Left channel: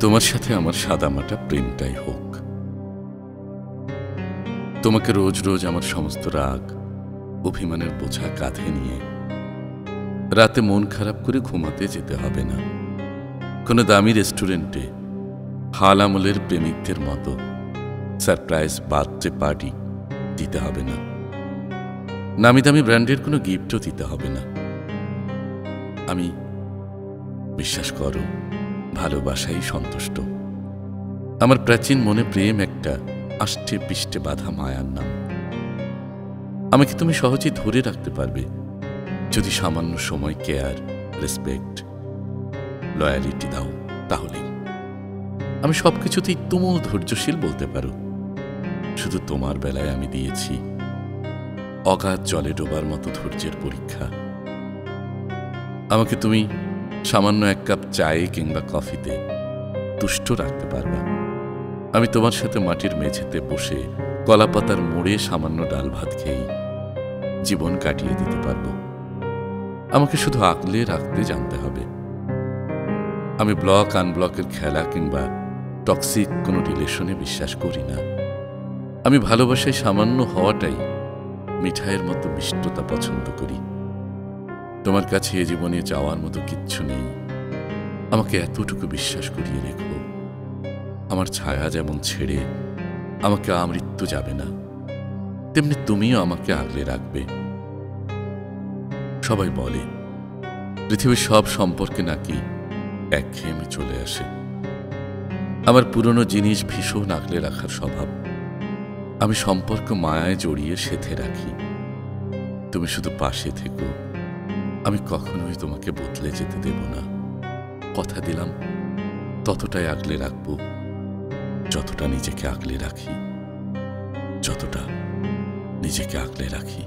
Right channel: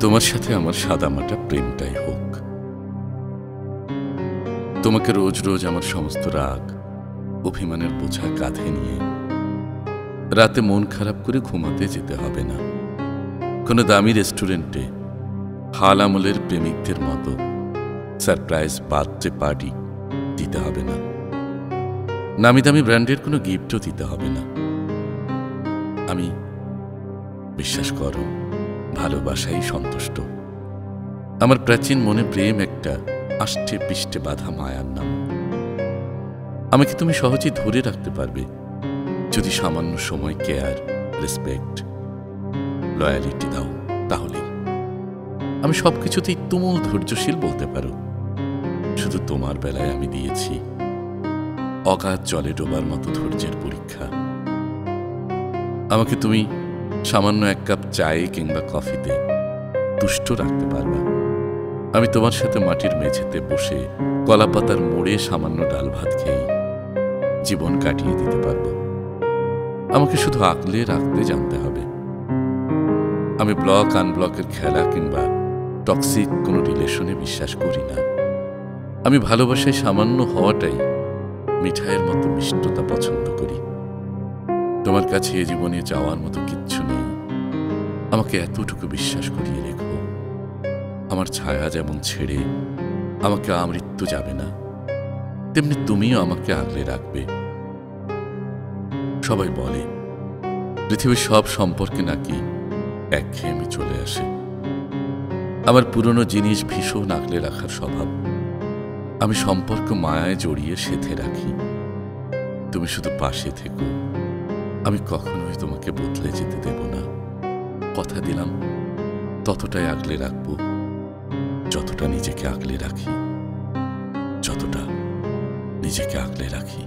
তোমার সাথে আমার সাদামাটা প্রেমটাই হোক। তোমাকে রোজ রোজ আমার সমস্ত রাগ অভিমানের বোঝা কাঁধে নিয়ে রাতে মন খারাপ করে ঘুমাতে যেতে হবে না। কোনো দামি রেস্টুরেন্টে হাল আমলের প্রেমিকদের মতো সারপ্রাইজ বার্থডে পার্টি দিতে হবে না। নামি দামি ব্র্যান্ডের কোনো গিফটও দিতে হবে না। আমি, বিশ্বাস করো, ভালোবাসাই সন্তুষ্ট। আমার প্রাচীন মনে প্রেম একটা আষ্টে পিষ্টে বাঁধা মায়ার নাম। আমাকে তুমি সহজেই ধরে রাখতে পারবে যদি সামান্য সময় কেয়ার, রেসপেক্ট, লয়ালিটি দাও। তাহলেই আমি সবকিছুতেই তুমুল ধৈর্যশীল বলতে পারো। শুধু তোমার বেলায় আমি দিয়েছি অগাধ জলে ডোবার মতো ধৈর্যের পরীক্ষা। আমাকে তুমি সামান্য এক কাপ চায়ে কিংবা কফিতে তুষ্ট রাখতে পারবা। আমি তোমার সাথে মাটির মেঝেতে বসে কলাপাতার মোড়ে সামান্য ডাল ভাত খেয়েই জীবন কাটিয়ে দিতে পারবো। আমাকে শুধু আগলে রাখতে জানতে হবে। আমি ব্লক আনব্লকের খেলা কিংবা টক্সিক কোনো রিলেশনে বিশ্বাস করি না। আমি ভালোবাসায় সামান্য হওয়াটাই মিঠাইয়ের মতো মিষ্টতা পছন্দ করি। তোমার কাছে এ জীবনে যাওয়ার মতো কিচ্ছু নেই। আমাকে এতটুকু বিশ্বাস করিয়ে রেখো, আমার ছায়া যেমন ছেড়ে আমাকে আমৃত্যু যাবে না, তেমনি তুমিও আমাকে আগলে রাখবে। সবাই বলে পৃথিবীর সব সম্পর্কে নাকি একঘেয়েমি চলে আসে। আমার পুরনো জিনিস ভীষণ আগলে রাখার স্বভাব। আমি সম্পর্ক মায়ায় জড়িয়ে সেথে রাখি। তুমি শুধু পাশে থেকো, আমি কখনোই তোমাকে বদলে যেতে দেব না। কথা দিলাম ততটাই আগলে রাখবো যতটা নিজেকে আগলে রাখি, যতটা নিজেকে আগলে রাখি।